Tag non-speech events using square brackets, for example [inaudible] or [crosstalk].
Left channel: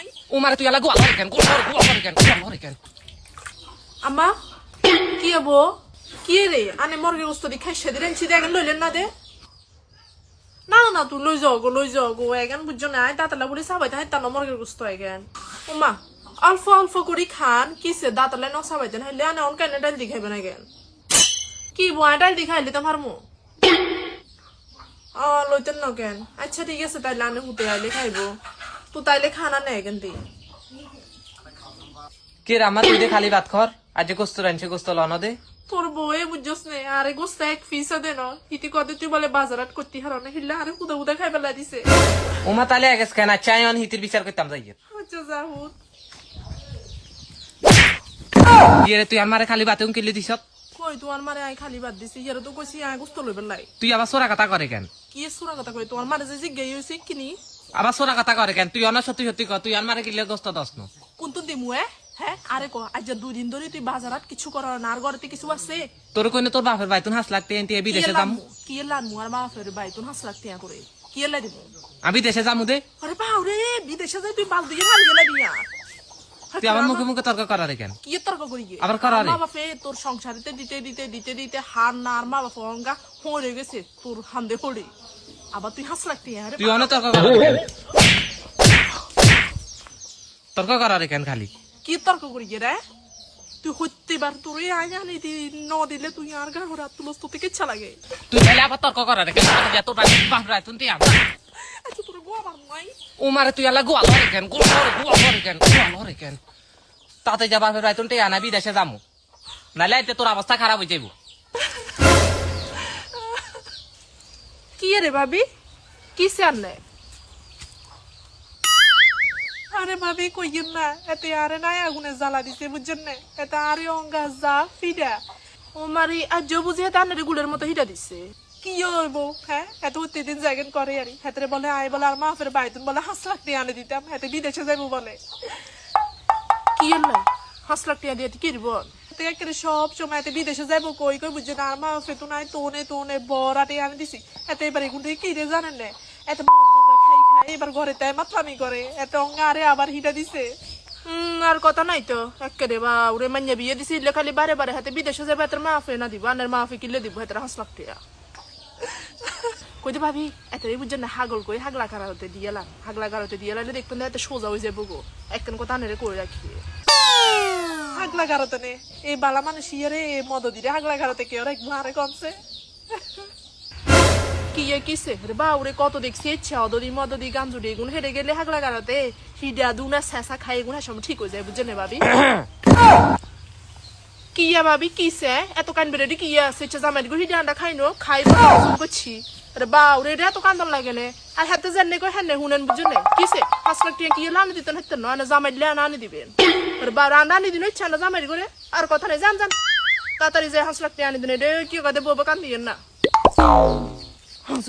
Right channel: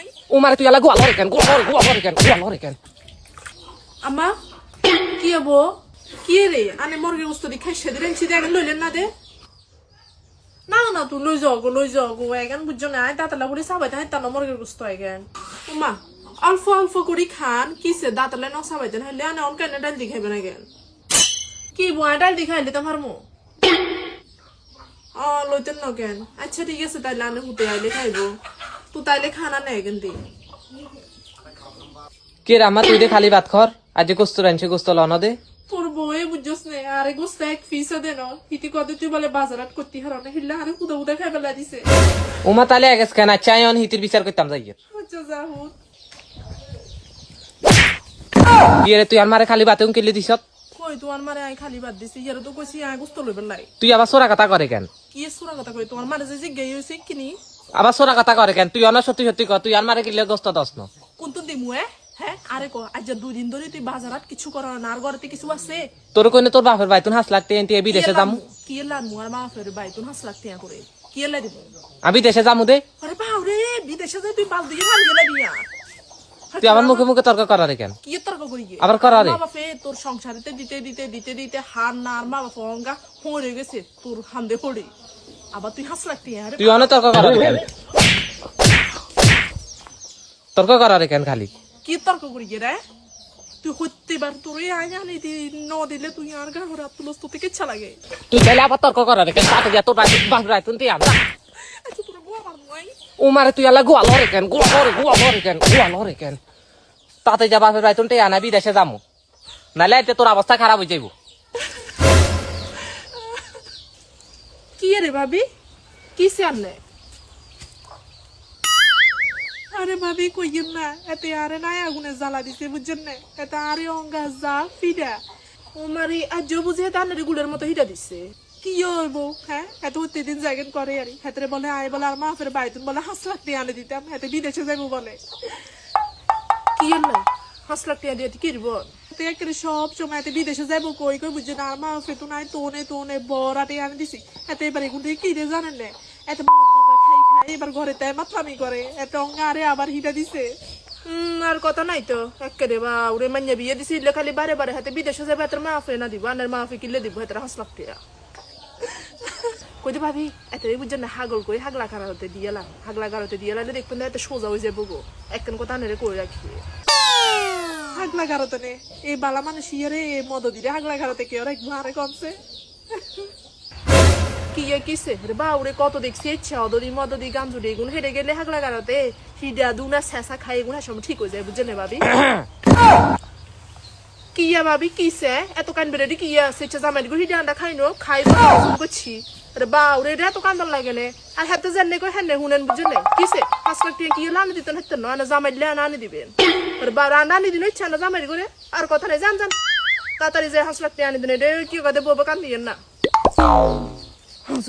নাই উমারে তুই আলা গোয়া করে কেন গোয়া করে গোয়া করে কেন গোয়া করে কেন আম্মা কি হব কি রে আনে মর্গের গোস্ত দি খাই সেদিন এনছি দে এখন লইলেন না দে না না তুই লই যাও গো লই যাও গো এগান বুঝছ না দাঁতালা বুড়ি সাবাই তাই তানো মর্গের গোস্ত এগান উমা অল্প অল্প করি খান কিসে দাঁতালে ন সাবাই হইলে আনে অন কেন ডাল দি খাইবে না গেন কি বয় ডাল দি খাইলে তোমার মু অ লইতেন ন কেন আচ্ছা ঠিক আছে তাইলে আনে হুতে আইলে খাইবো তুই তাইলে খানা নেই কেন কে রে আমার তুই খালি ভাত খর আজকে গোস্ত রানছে গোস্ত লানো দে তোর বউয়ে বুঝছস নে আরে গোস্তা এক ফিসা দে ন ইতি কদে তুই বলে বাজারাত করতে হারো না হিল্লা আরে কুদা কুদা খাই বেলা দিছে উমা তাহলে এগেস কেন চাই অন হিতির বিচার করতাম যাই আচ্ছা তুই আমারে খালি ভাতে উনকিলি দিছ কই তোমার মারে আই খালি বাদ দিছি ইয়ারে তো কইছি আই গোস্ত লইবেন লাই তুই আবার সোরা কথা করে কেন কি সুরা কথা কই তোমার মারে যে জিজ্ঞাই হইছে কিনি আবার সোরা কথা করে কেন? তুই অনা সত্যি সত্যি কর তুই আমারে কিলে গোস্ত দস ন কোন তো দিমু হ্যাঁ আরে ক আজ দুই ধরে তুই বাজারাত কিছু করার না আর ঘরেতে কিছু আছে? তোর কইনে তোর বাপের ভাই তুই হাস লাগতে এনটি যাম। লানমু কি আর মা ফের তুই হাস লাগতে করে কি দিমু আমি দেশে যামু দে। আরে বাউ রে বিদেশে যাই তুই বাল দিয়ে হাল গেলে বিয়া তুই আমার মুখে মুখে তর্ক করারে কেন? কি তর্ক করি আবার করা রে। মা বাপে তোর সংসারিতে দিতে দিতে দিতে দিতে হার না আর মা বাপ হয়ে গেছে তোর হান্দে হড়ে আবার তুই হাস লাগতি আরে তুই অনেক তর্ক করারে কেন তর্ক করারে কেন খালি। কি তর্ক করি রে? তুই হইতে বার তোর আগে আনি দি ন দিলে তুই আর গা ঘোরা তুলস তো থেকে ইচ্ছা লাগে। তুই তাহলে আবার তর্ক করারে কেন আগে যা তোর বাপের ভাই তুই আবার আচ্ছা তোর গোয়া মার নাই উমারে তুই আলা গোয়া লরে কেন গোয়া লরে গোয়া লরে কেন গোয়া লরে কেন তাতে যা বাপের ভাই তুই আনা বিদেশে যামু। নালে এতে তোর অবস্থা খারাপ হয়ে যাইব। কি রে ভাবি? কি আনলে? আরে ভাবি কইয়েন না এতে আরে নাই আগুনে জ্বালা দিছে বুঝছেন না? এতে আরে অঙ্গা যা ফিডা ও মারি আজ বুঝে এতে আনের গুলের মতো হিটা দিছে? কি হইব হ্যাঁ? এত দিন জায়গান করে আরি হাতে বলে আয় বলে আর মা ফের বাইতুন বলে হাঁস লাখ দিয়ে আনে দিতাম। হেতে বিদেশে যাইবো বলে। কি না হাঁস লাখ দিয়ে দিয়ে কি দিব এতে একেবারে সব বিদেশে যাইবো, কই কই বুঝছে না, আর মা ফেতু নাই তোনে তোনে বরাটে আনে এতে এবার এগুন থেকে কি রে জানেন খাই খাই, এবার ঘরে তাই মাতলামি করে। এত অঙ্গা আরে আবার হিটা হুম আর কথা নাই তো। একেবারে বা, ওরে মাইয়া বিয়ে দিছি ইলে খালি বারে বারে হাতে বিদেশে যাবে হাতের মাফে না দিব আনের মাফে কিনলে দিব হাতের হাঁস লাখ টিয়া কইতে ভাবি এত বুঝছেন না, হাগল কই, হাগলা কারা হতে দিয়েলাম হাগলা কারা হতে দিয়েলাম দেখবেন এত সোজা হয়ে যাব গো। একখান কথা আনেরে করে রাখি? হাগলা গাড়াতে নে। এই বালা মানুষ ইয়ারে মদ দিলে হাগলা গাড়াতে কেউ রাখব আরে কমছে। কি এ কিসে? রে বাউরে কত দেখছি ইচ্ছা অদদি মদদি গাঞ্জুরি এগুন হেরে গেলে হাগলা গাড়াতে হিডা দুনা শেষা খাই এগুন সব ঠিক হয়ে যায় বুঝলে ভাবি? [coughs] কিয়া ভাবি কিসে এত কান বেড়ে কিয়া সেটা জামাই গো হিডা আন্ডা খাইনো খাই করছি আরে বাউরে রে এত কান্দন লাগেলে আর হাতে জানলে কই হ্যাঁ হুনেন বুঝলে কিসে পাঁচ লাখ টাকা কি লানি দিতেন হাতে না জামাই লে আনি দিবেন আরে বা রান্না আনি দিন ইচ্ছা না জামাই করে আর কথা নেই জান জান তাড়াতাড়ি যে হাঁস লাখ টাকা আনি দিন রে কি কথা বউ কান্দিয়েন না হাঁস